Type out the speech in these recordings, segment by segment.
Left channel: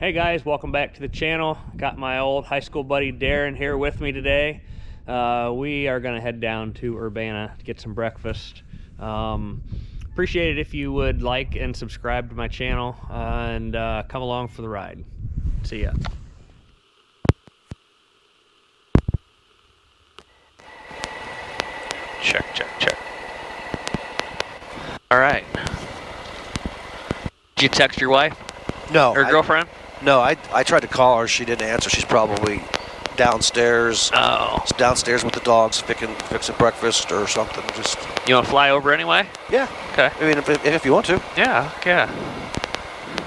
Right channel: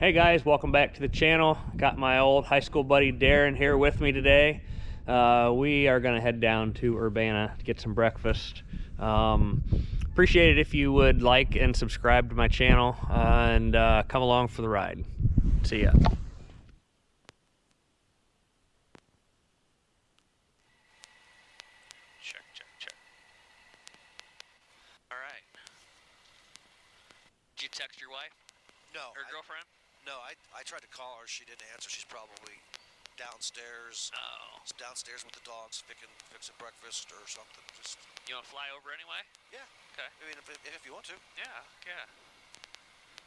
Hey guys, welcome back to the channel. Got my old high school buddy Daron here with me today. We are gonna head down to Urbana to get some breakfast. Appreciate it if you would like and subscribe to my channel and come along for the ride. See ya. Check. All right. Did you text your wife? No. Or girlfriend? No, I tried to call her. She didn't answer. She's probably downstairs. Oh. Downstairs with the dogs, fixing breakfast or something. Just. You want to fly over anyway? Yeah. Okay. I mean, if you want to. Yeah. I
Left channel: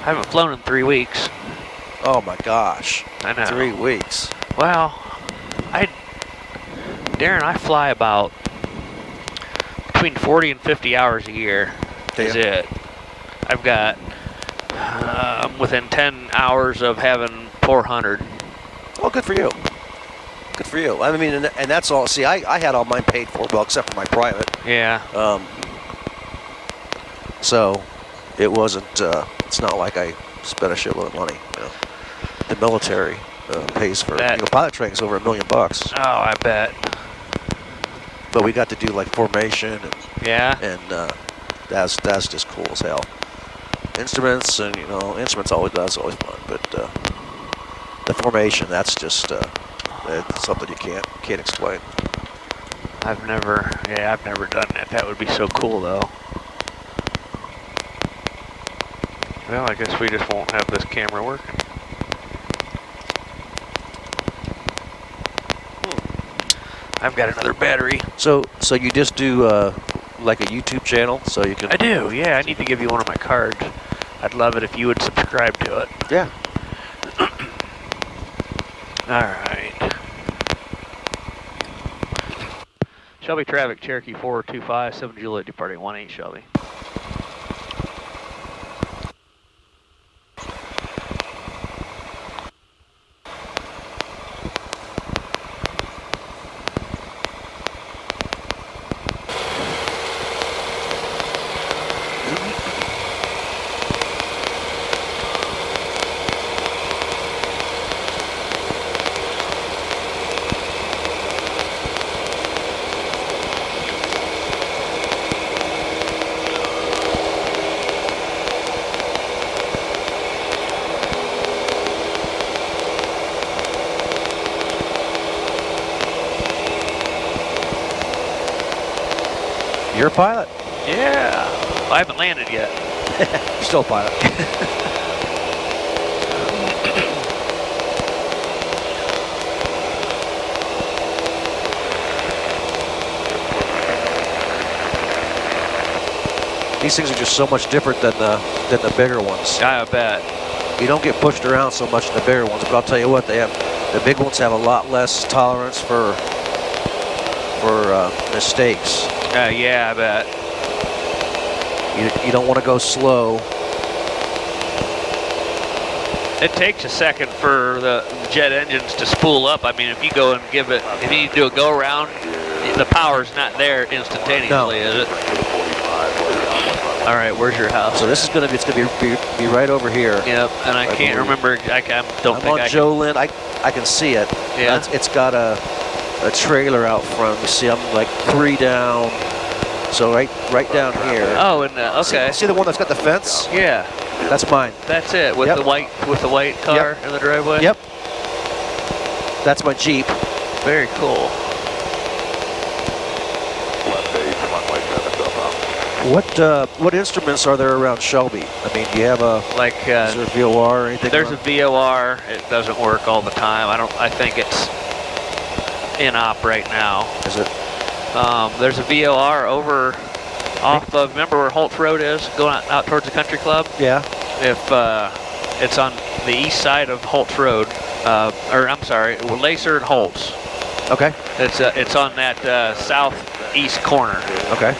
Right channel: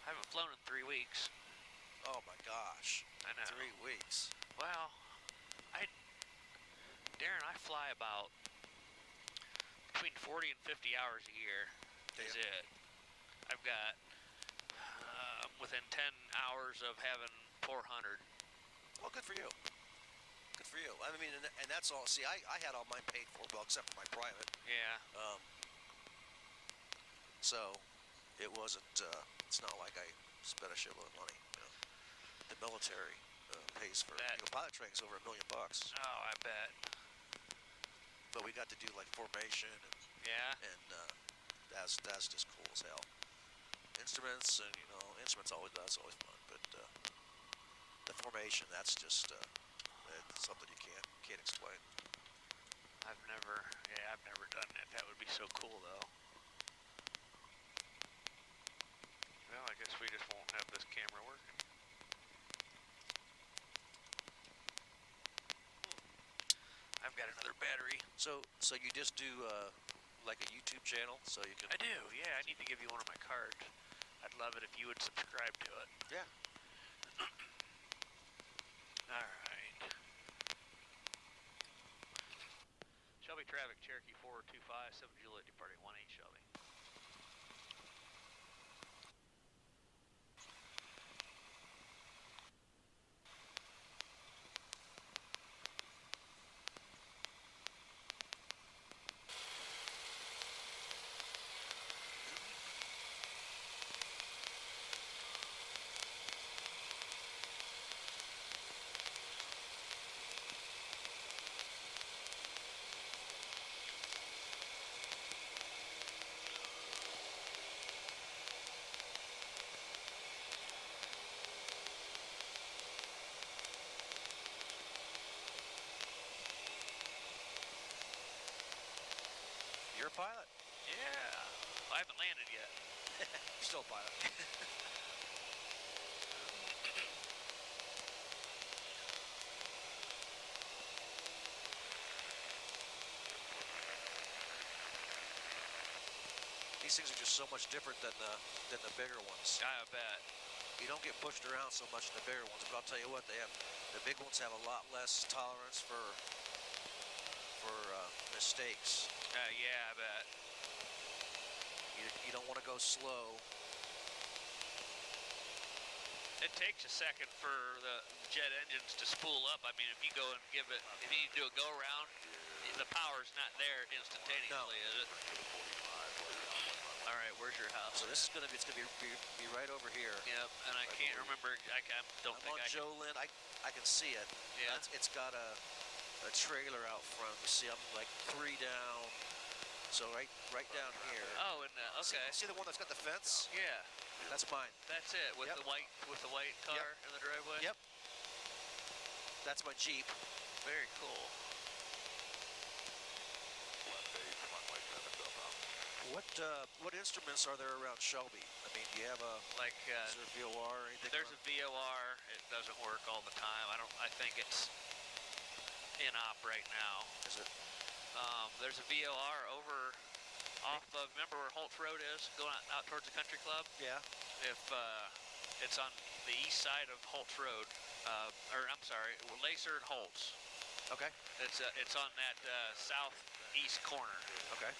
haven't flown in 3 weeks. Oh my gosh. I know. 3 weeks. Well, Daron, I fly about between 40 and 50 hours a year. Is it? I've got within 10 hours of having 400. Well, good for you. Good for you. I mean, and that's all. See, I had all mine paid for, well, except for my private. Yeah. So it wasn't. It's not like I spent a shitload of money. You know. The military pays for pilot training's over $1 million. Oh, I bet. But we got to do like formation and that's just cool as hell. Instruments and instruments that's always fun, but the formation, that's just it's something you can't explain. I've never done that. That would be so cool though. Well, I guess we just won't have this camera working. I've got another battery. So you just do like a YouTube channel, so you can. I do, yeah. I need to give you one of my cards. I'd love it if you would subscribe to it. Yeah. All right. Shelby traffic, Cherokee 425, 7 Juliet, departing 18 Shelby. You're a pilot. Yeah. Well, I haven't landed yet. You're still a pilot. These things are just so much different than the bigger ones. I bet. You don't get pushed around so much in the bigger ones, but I'll tell you what, the big ones have a lot less tolerance for mistakes. Yeah, I bet. You don't want to go slow. It takes a second for the jet engines to spool up. I mean, if you go and if you need to do a go around, the power's not there instantaneously, is it? All right, where's your house? So this is gonna be right over here. Yep, and I can't remember. I'm on Joe Lynn. I can see it. Yeah. It's got a trailer out front. You see, I'm like 3 down. So right down here. Oh, and okay. See the one that's got the fence? Yeah. That's mine. That's it with the white car in the driveway. Yep. That's my Jeep. Very cool. What instruments are there around Shelby? I mean, do you have is there a VOR or anything? There's a VOR. It doesn't work all the time. I think it's in op right now. Is it? There's a VOR over off of, remember where Holtz Road is, going out towards the country club? Yeah. If it's on the east side of Holtz Road, or I'm sorry, Lacer and Holtz. Okay. It's on that southeast corner. Okay.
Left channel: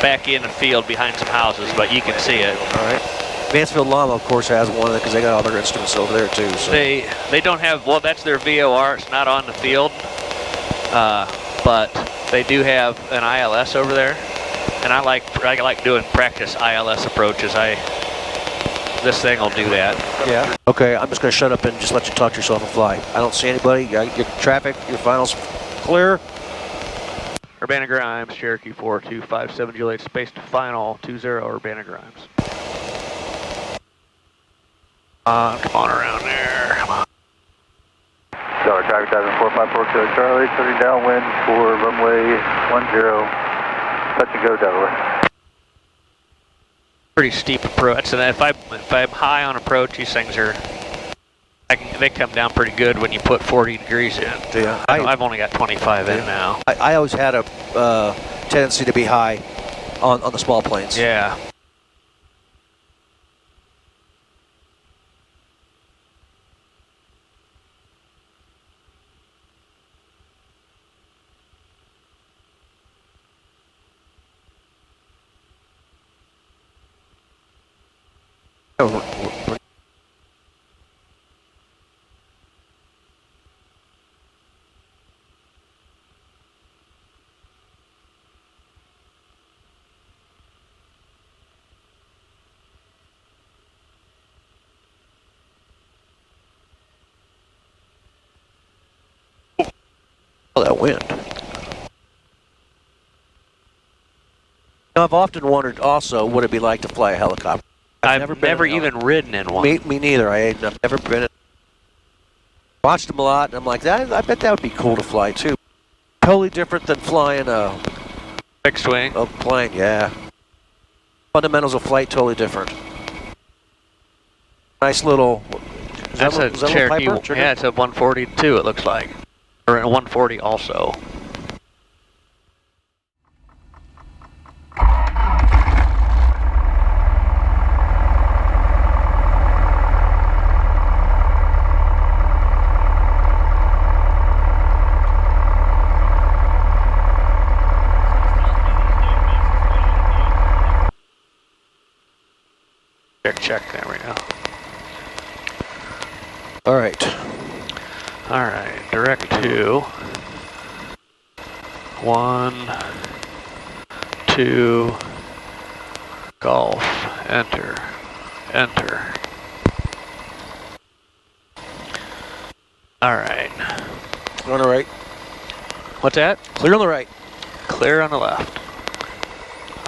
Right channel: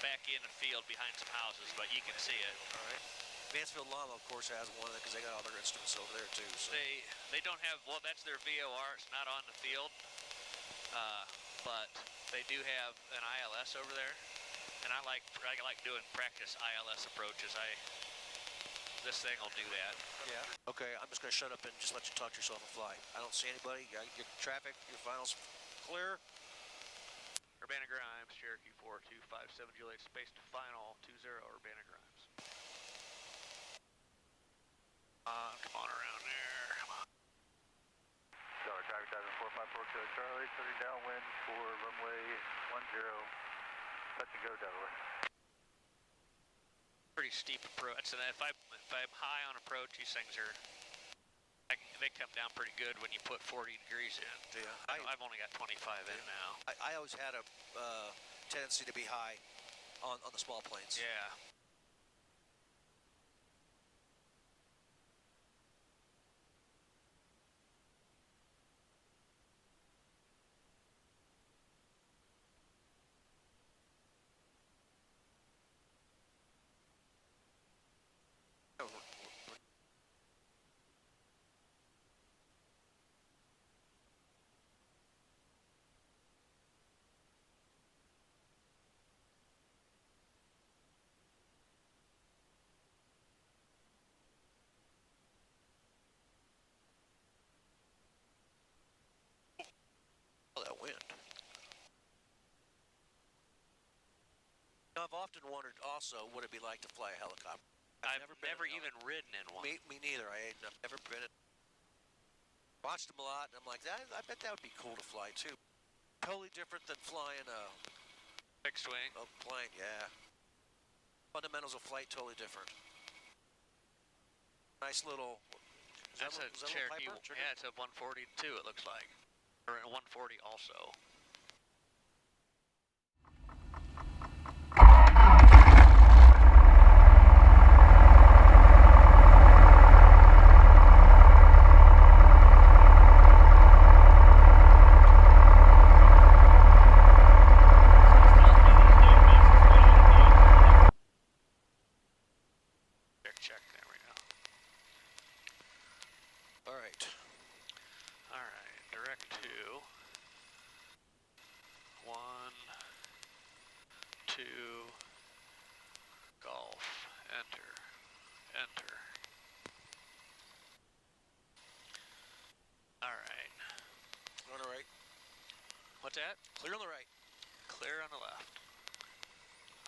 Back in the field behind some houses, but you can see it. All right. Mansfield Llama, of course, has one because they got all their instruments over there too. So. They don't have, well, that's their VOR. It's not on the field, but they do have an ILS over there, and I like doing practice ILS approaches. this thing will do that. Yeah. Okay, I'm just going to shut up and just let you talk to yourself and fly. I don't see anybody. Your traffic, your finals clear. Urbana Grimes, Cherokee 4257 Juliet, space to final 20 Urbana Grimes. Come on around there. Come on. Tower traffic diving 4540 Charlie, turning downwind for runway 10, touch and go Delaware. Pretty steep approach, and if I'm high on approach, these things are, they come down pretty good when you put 40 degrees in. Yeah, I've only got 25 in now. I always had a tendency to be high on the small planes. Yeah. Oh, that wind. Now, I've often wondered also what it'd be like to fly a helicopter. I've never even ridden in one. Me neither. I've never been in. Watched them a lot, and I'm like, I bet that would be cool to fly too. Totally different than flying a fixed wing. A plane, yeah. Fundamentals of flight totally different. Nice little. That's a Cherokee. Yeah, it's a 142. It looks like, or a 140 also. Check, there we go. All right. All right, direct to 1, 2, golf, enter, enter. All right. Clear on the right. What's that? Clear on the right. Clear on the left.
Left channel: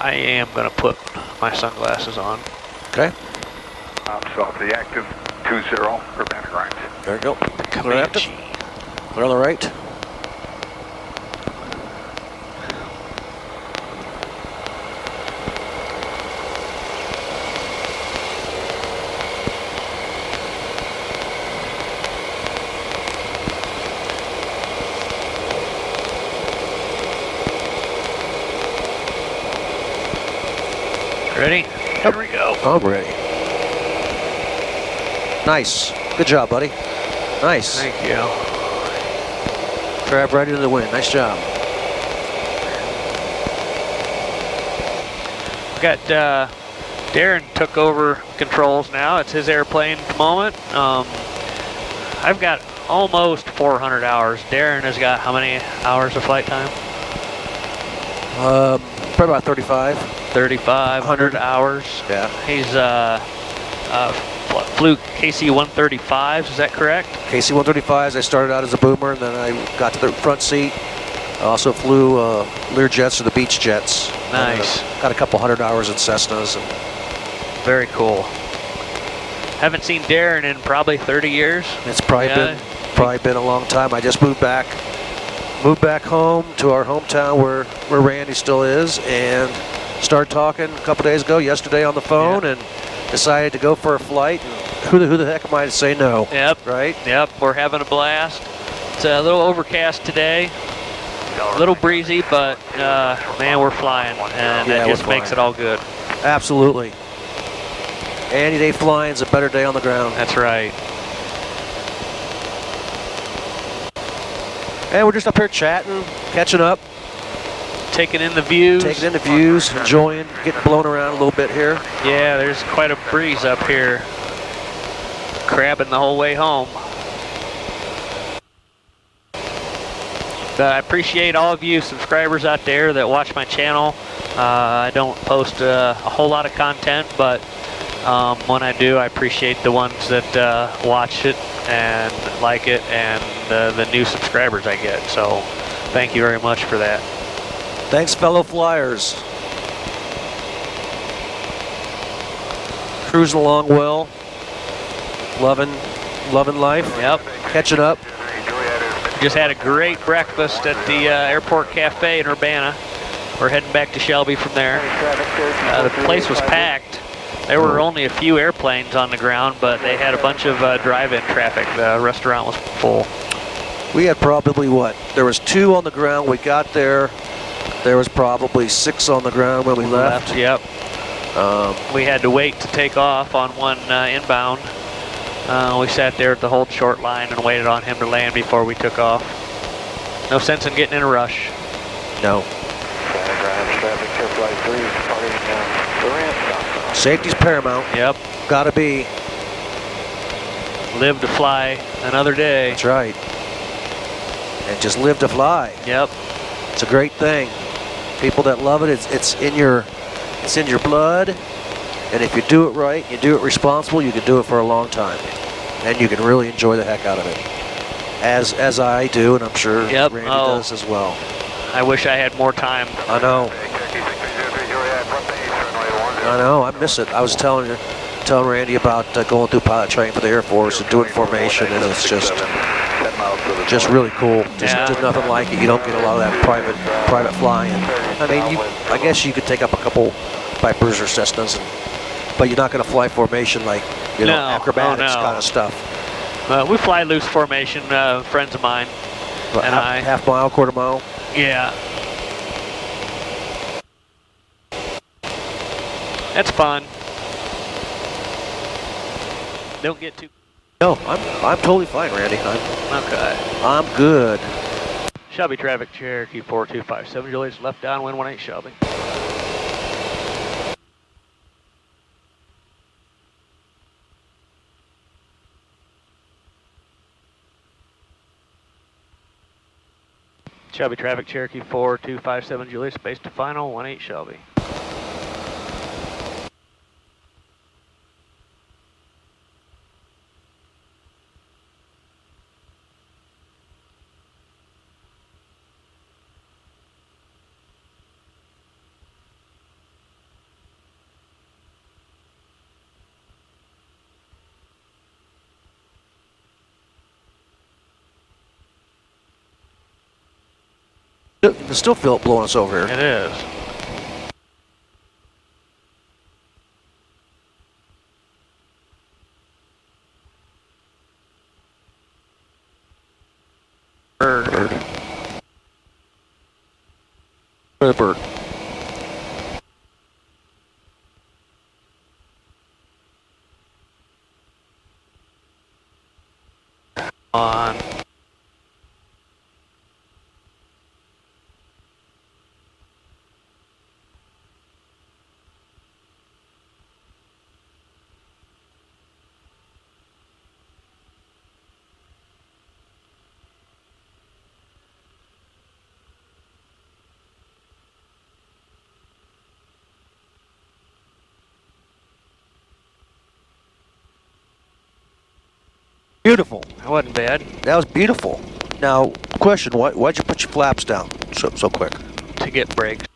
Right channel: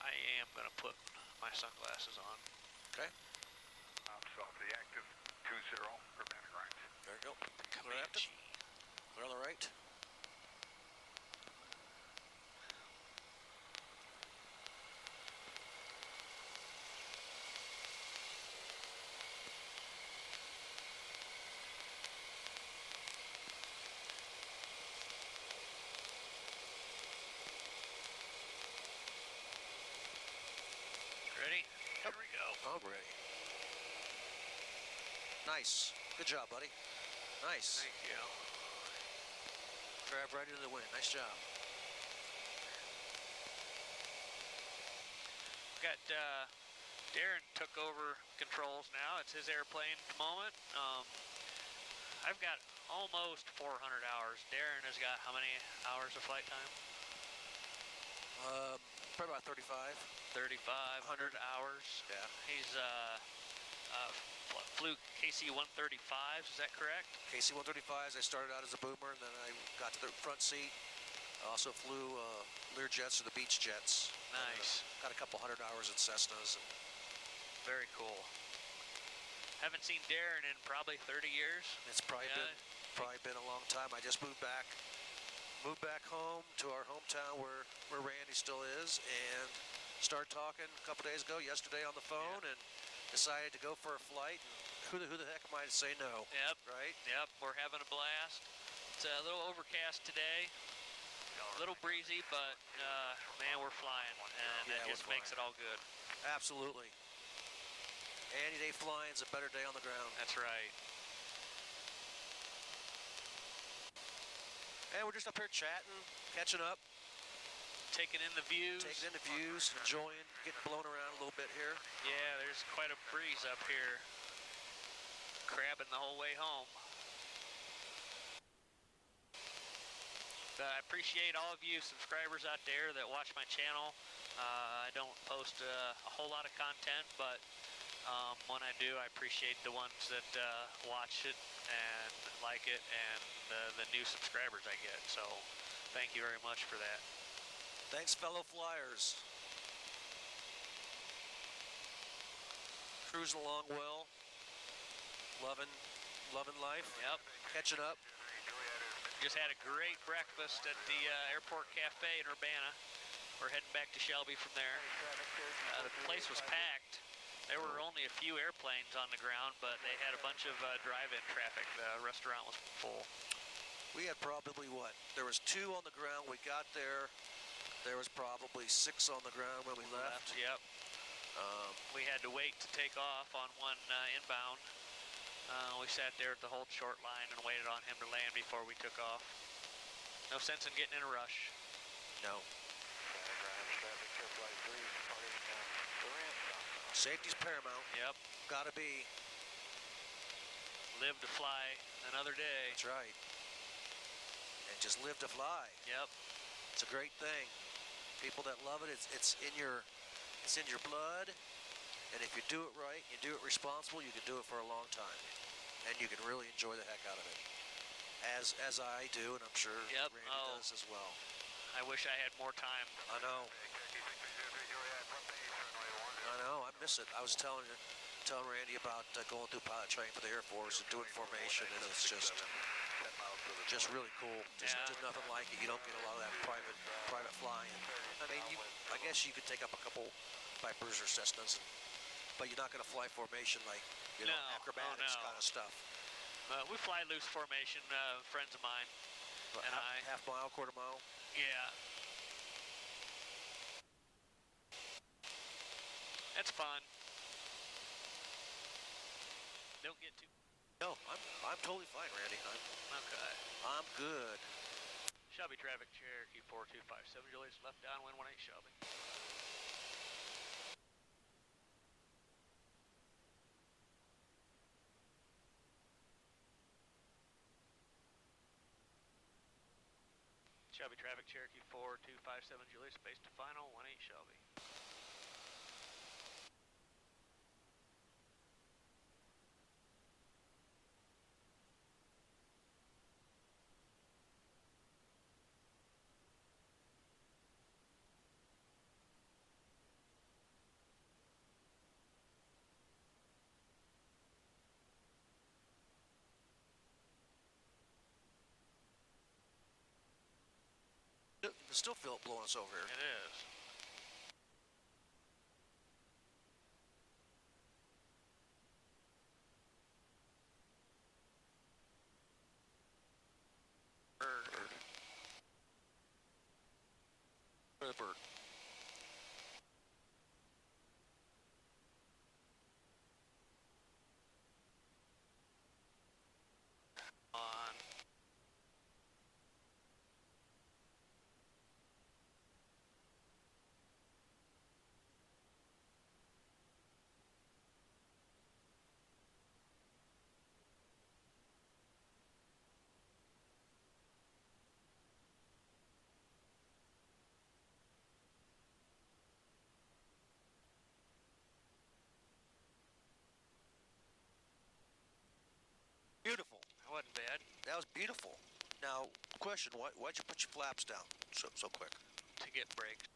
I am gonna put my sunglasses on. Okay. South the active 20 Urbana Grimes. There we go. Clear active. Comanche. Clear on the right. Ready? Here we go. I'm ready. Nice. Good job, buddy. Nice. Thank you. Grab right into the wind. Nice job. We got Daron took over controls now. It's his airplane at the moment. I've got almost 400 hours. Daron has got how many hours of flight time? Probably about 35. 3,500 hours. Yeah. He's flew KC-135s, is that correct? KC-135s, I started out as a boomer, and then I got to the front seat. I also flew Learjets or the Beach Jets. Nice. Got a couple hundred hours in Cessnas. And very cool. Haven't seen Daron in probably 30 years. It's probably been a long time. I just moved back home to our hometown where Randy still is, and started talking a couple days ago, yesterday on the phone, and decided to go for a flight. Who the heck am I to say no? Yep. Right? Yep, we're having a blast. It's a little overcast today, a little breezy, but man, we're flying, and that just makes it all good. Absolutely. Any day flying is a better day on the ground. That's right. And we're just up here chatting, catching up. Taking in the views. Taking in the views, enjoying, getting blown around a little bit here. Yeah, there's quite a breeze up here. Crabbing the whole way home. But I appreciate all of you subscribers out there that watch my channel. I don't post a whole lot of content, but When I do, I appreciate the ones that watch it and like it, and the new subscribers I get. So thank you very much for that. Thanks, fellow flyers. Cruising along well. Loving life. Yep. Catching up. Just had a great breakfast at the Airport Cafe in Urbana. We're heading back to Shelby from there. The place was packed. There were only a few airplanes on the ground, but they had a bunch of drive-in traffic. The restaurant was full. We had probably what? There was 2 on the ground. We got there. There was probably 6 on the ground when we left. Yep. We had to wait to take off on one inbound. We sat there at the hold short line and waited on him to land before we took off. No sense in getting in a rush. No. Safety's paramount. Yep. Gotta be. Live to fly another day. That's right. And just live to fly. Yep. It's a great thing. People that love it, it's in your blood. And if you do it right, you do it responsible, you can do it for a long time. And you can really enjoy the heck out of it. As I do, and I'm sure Randy does as well. I wish I had more time. I know. I miss it. I was telling Randy about going through pilot training for the Air Force and doing formation, and it's just really cool. Just nothing like it. You don't get a lot of that private flying. I mean, I guess you could take up a couple Vipers or Cessnas, but you're not going to fly formation like acrobatics kind of stuff. We fly loose formation, friends of mine and I. Half mile, quarter mile. Yeah. That's fun. Don't get too. No, I'm totally fine, Randy. Okay. I'm good. Shelby traffic, Cherokee 4257, Julius left downwind 18 Shelby. Shelby traffic, Cherokee 4257, Julius, base to final 18 Shelby. You can still feel it blowing us over here. It is. Bird. The bird. On. Beautiful. That wasn't bad. That was beautiful. Now, question: why'd you put your flaps down so quick? To get brakes.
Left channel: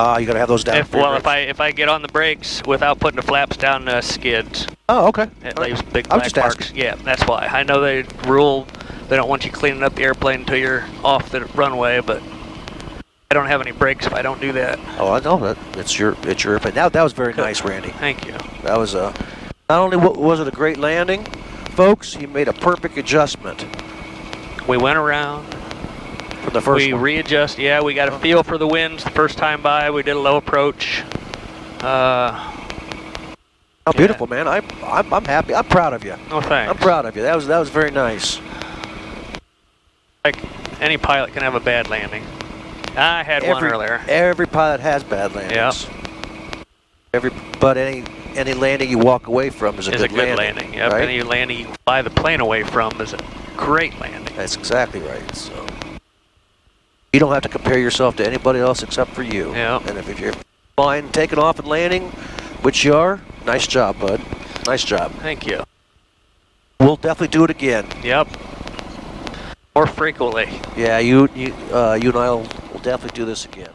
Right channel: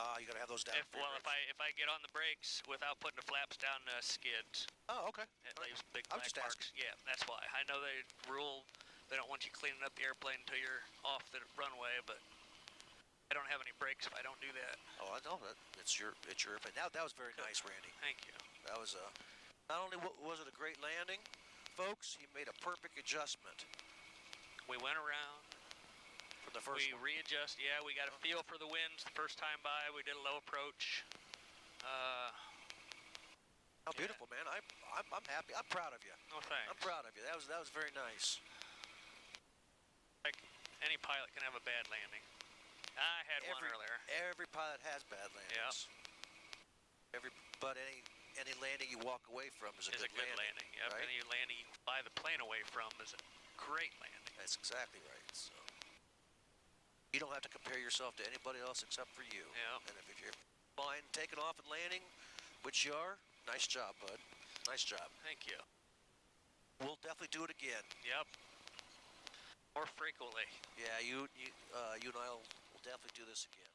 You gotta have those down. If I get on the brakes without putting the flaps down, skids. Oh, okay. It leaves big black marks. Yeah, that's why. I know they rule they don't want you cleaning up the airplane until you're off the runway, but I don't have any brakes if I don't do that. Oh, I know that. It's your airplane. That was very nice, Randy. Thank you. That was not only was it a great landing, folks, he made a perfect adjustment. We went around. For the first one. Readjust. Yeah, we got a feel for the winds the first time by. We did a low approach. Oh, beautiful, man. I'm happy. I'm proud of you. Oh, thanks. I'm proud of you. That was very nice. Like any pilot can have a bad landing. I had one earlier. Every pilot has bad landings. Yep. But any landing you walk away from is a good landing. Yep. Right? Any landing you fly the plane away from is a great landing. That's exactly right. So you don't have to compare yourself to anybody else except for you. Yeah. And if you're flying, taking off and landing, which you are, Nice job, bud. Nice job. Thank you. We'll definitely do it again. Yep. More frequently. Yeah, you and I will definitely do this again.